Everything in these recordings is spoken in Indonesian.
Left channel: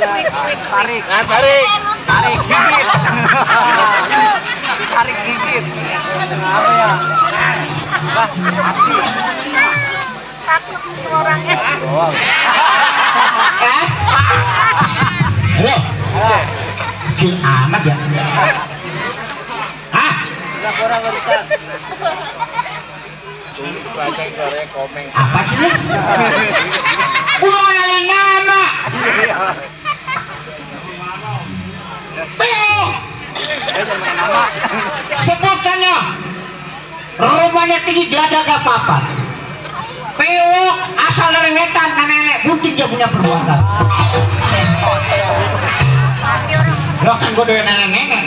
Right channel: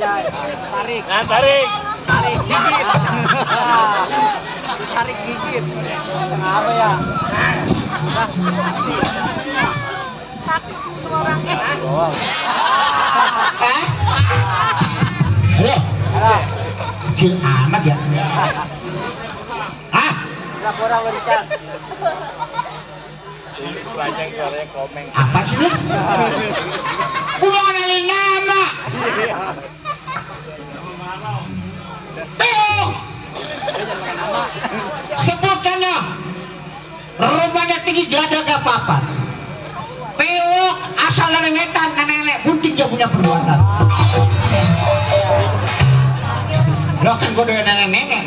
Tarik. Tarik dikit. Apa ya? Halo. Kecil amat ya. Hah? Apa sih lu? Udah kenalin nama. Beo. Sebutannya. Rumahnya tinggi geladak gak apa-apa. Pewok asal dari ngetan, nenek putih dia punya perbuatan. Lo kan gue doyan nenek.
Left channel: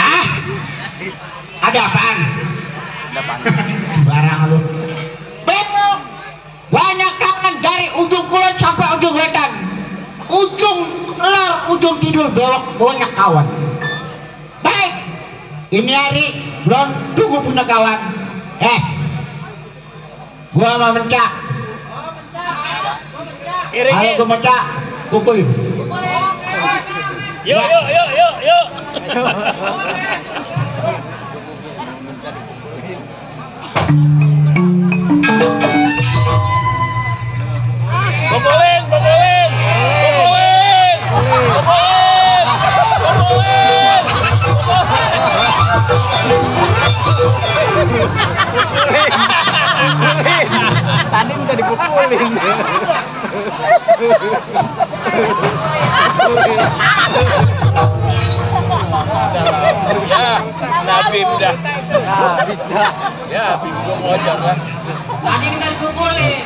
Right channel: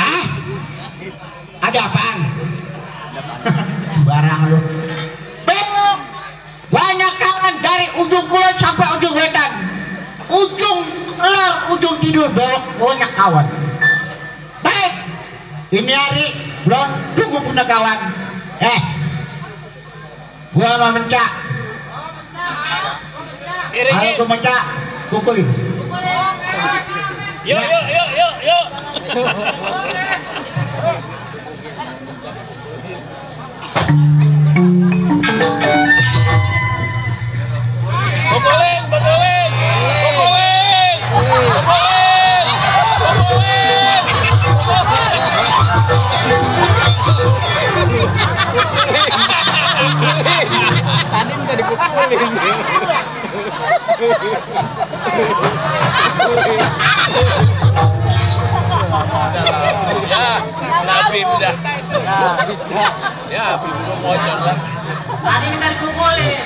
Hah? Ada apaan? Sembarang lu. Bewok banyak kangen dari ujung kulon sampai ujung wetan. Ujung lor, ujung tidur bewok banyak kawan. Baik. Ini hari belum tunggu punya kawan. Gua mau mencak. Kalau gua mencak, pukulin. Yuk. Tadi minta dipukulin. Nabim dah. Habis dah. Ya, bingung ngojek lah. Tadi minta dipukulin.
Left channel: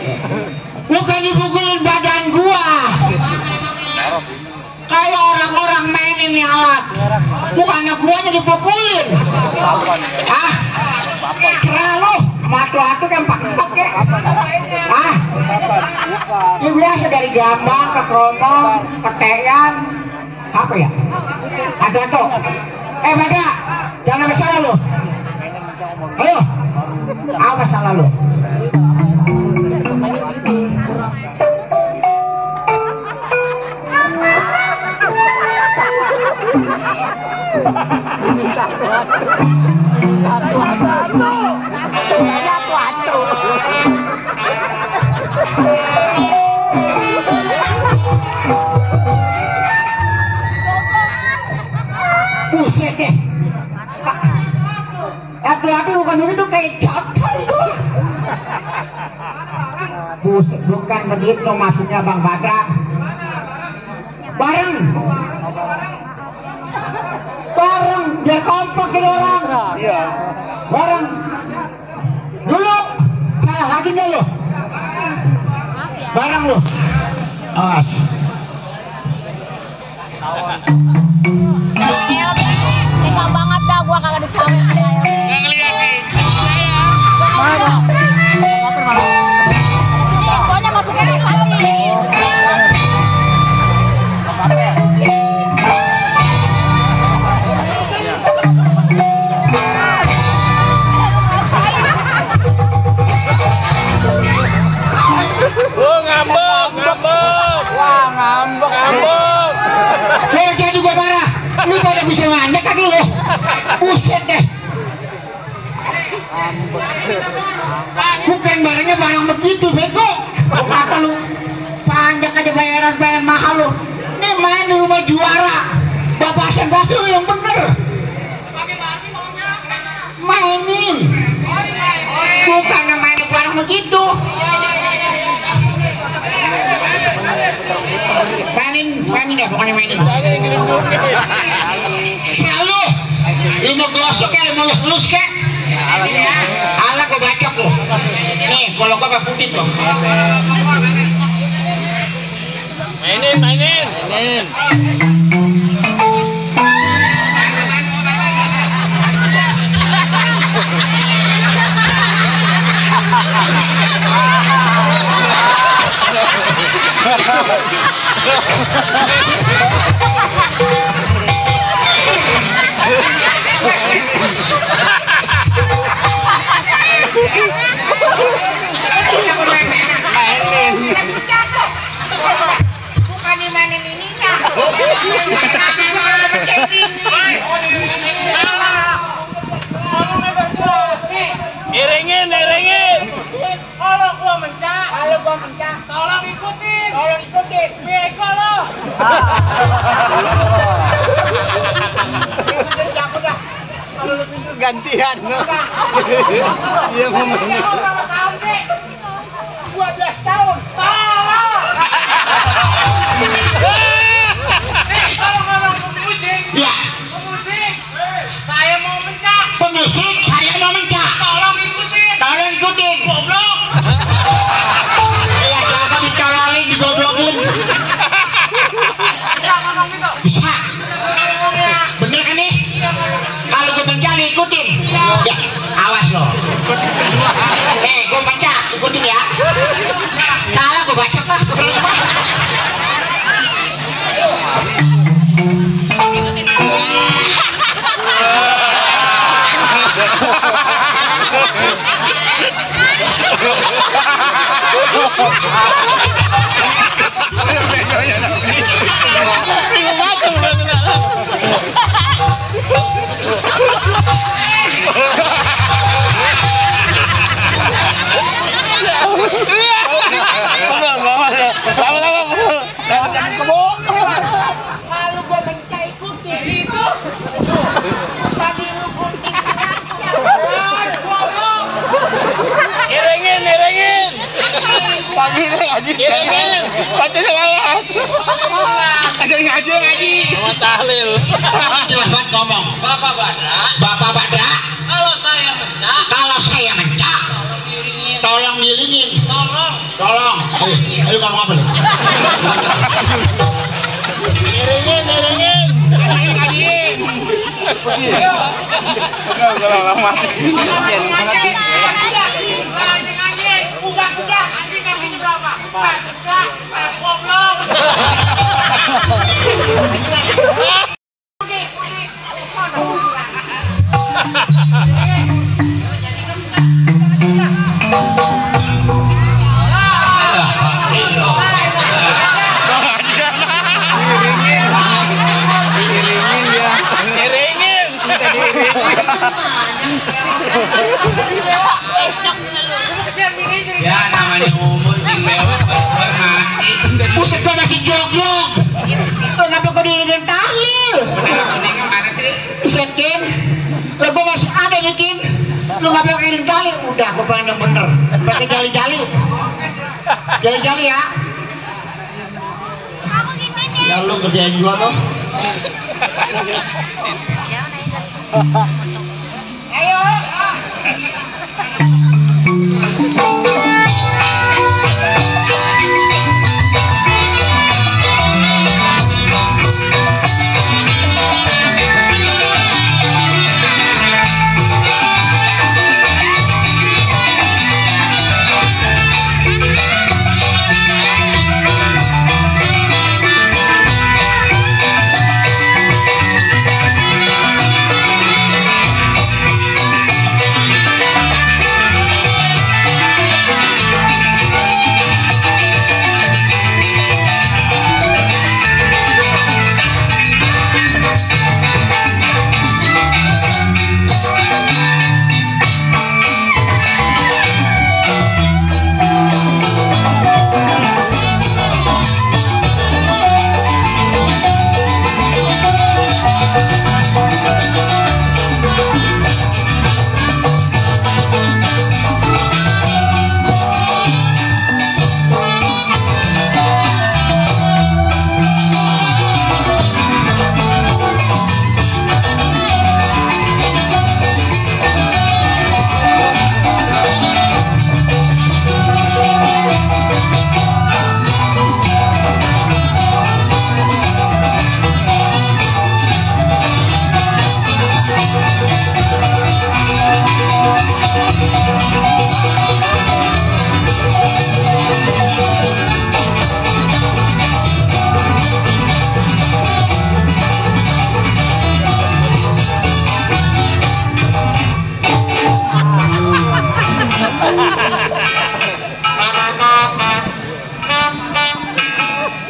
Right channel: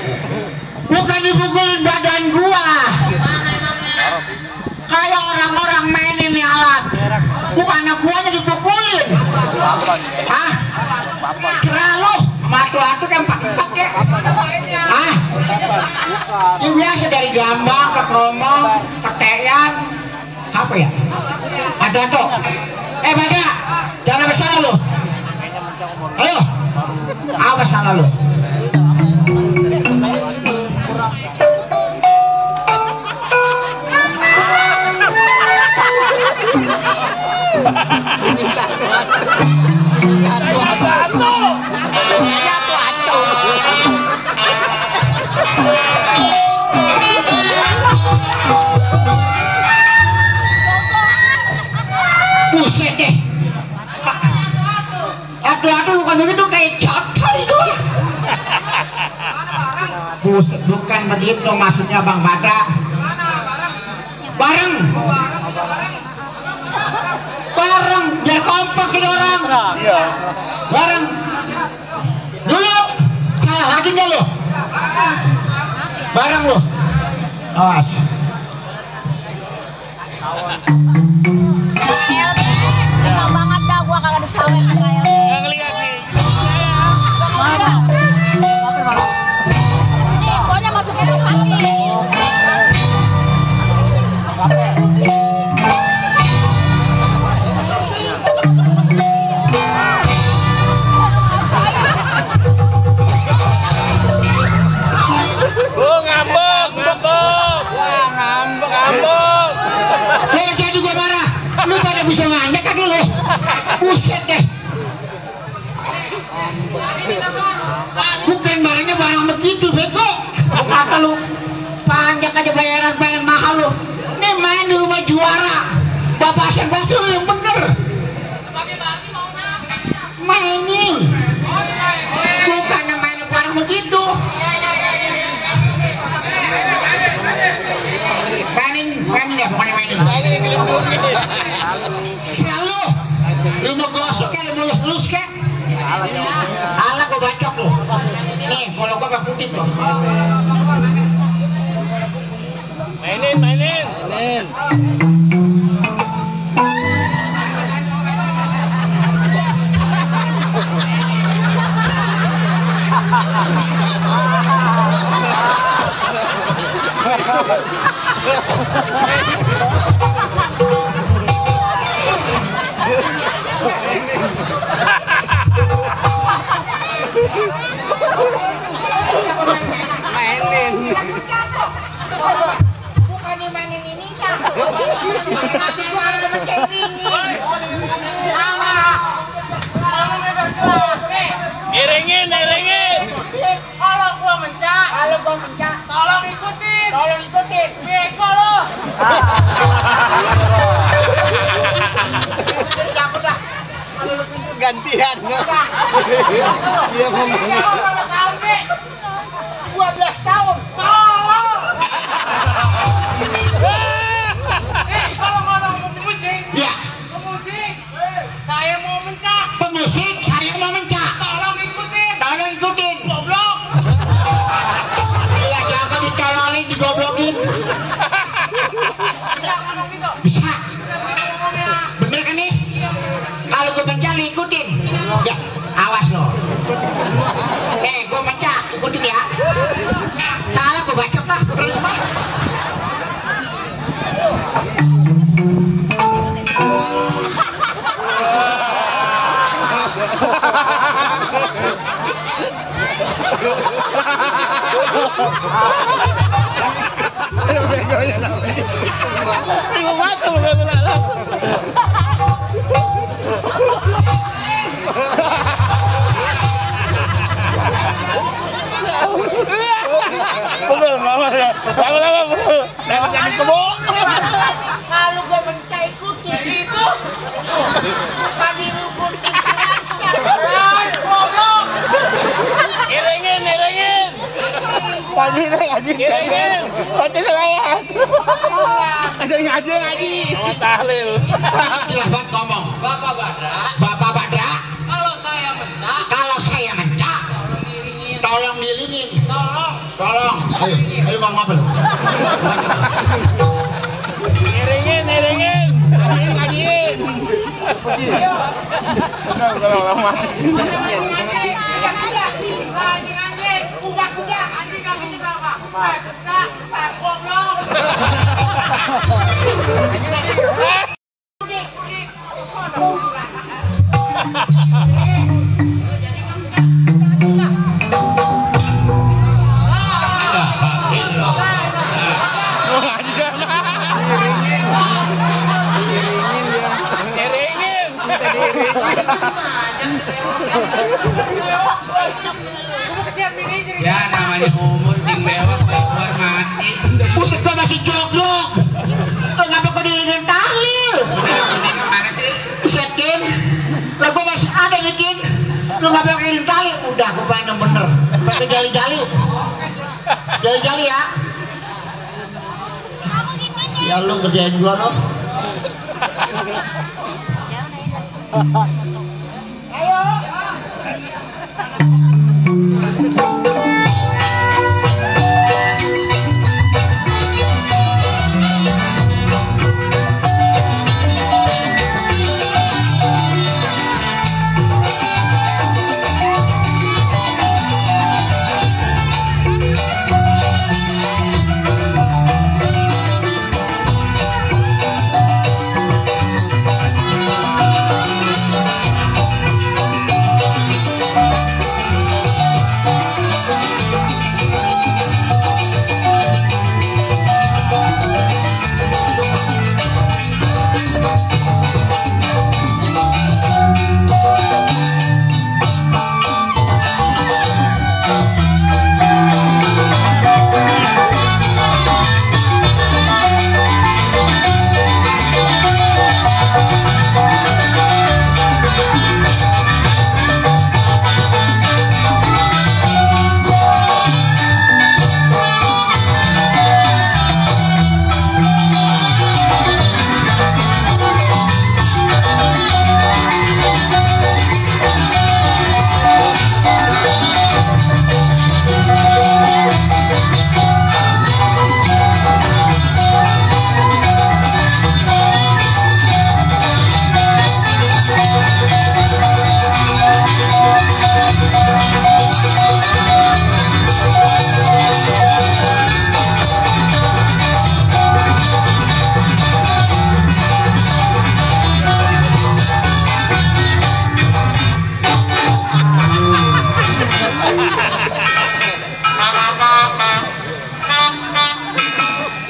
Bukan dipukulin badan gua. Kayak orang-orang mainin nih alat. Bukannya gua yang dipukulin. Ah, selalu matu-matu kan pak-pak ya. Ah, ini biasa dari Gambang ke Kromong ke Teyan. Apa ya? Ada tuh. Bada, jangan ada salah lo. Halo, apa salah lo? Buset deh. Atu-atu bukan begitu kayak jatuh itu. Buset, bukan begitu maksudnya Bang Badra. Bareng biar kompak kita orang. Bareng dulu salah lagi nggak lo? Bareng lo, awas. Suka banget dah gua kagak disawet kayak pokoknya masuknya ke samping. Wah, ngambek. Jadi gua marah. Lu pada bisa ngajak kan lu? Buset deh. Bukan barangnya barang begitu, bego. Kata lu panjang aja bayar mahal lu. Ini main di rumah juara. Babasan basu yang bener. Mainin. Bukannya main barang begitu. Mainin ya, pokoknya mainin. Selalu lu mau gosok ya, lu mau lus kek. Ala gua bacok lu. Nih, kalau gua pakai putih tuh. Mainin. Iringin. Kalau gua mencak, tolong ikutin. Bego lo. Cabut dah. Kalau lu pintu Gantian. Dia ngomong. berapa tahun sih? 12 tahun. Tolong. Nih, tolong ngomong pemusik. Ya, Pemusik. Saya mau mencak. pemusik saya mau mencak. Tolong ikutin. Tolong ikutin. Goblok. Iya, siapa ditolongin digoblokin? Bisa ngomong gitu. Bisa. Ngomongnya. Bener kan nih? Kalau gue mencak ikutin. Ya, awas lo. Gue mencak ikutin ya. Salah gue baca lah. Kalau gua mencak ikutin itu. Tadi lu ikutin silatnya. Goblok. Iringin. Pagi ngaji. Baca selawat. Ada ngaji. Tahlil. Silahkan ngomong. Bapak Badra, Kalau saya mencak, tolong dilingin. Tolong. Ayo ngomong apa nih? Iringin. Ngajiin. Kalau orang mati. anjing, kuda, anjing kakinya berapa? Goblok. Ya namanya umur tinggal mati. Buset gua masih joglok. Kenapa kau diiringin tahlil? Buset Kin, lo gua masih ada nih Kin. Lu ngapa kau iring tahlil? Udah gua pengen yang bener. Pakai jali-jali. Jali-jali ya. Ya lu kerjain gua loh. Ayo.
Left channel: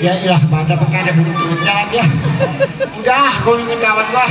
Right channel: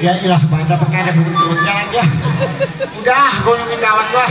Ya ilah pada pengen ada burung-burungnya aja. Udah, gue nungguin kawan gua.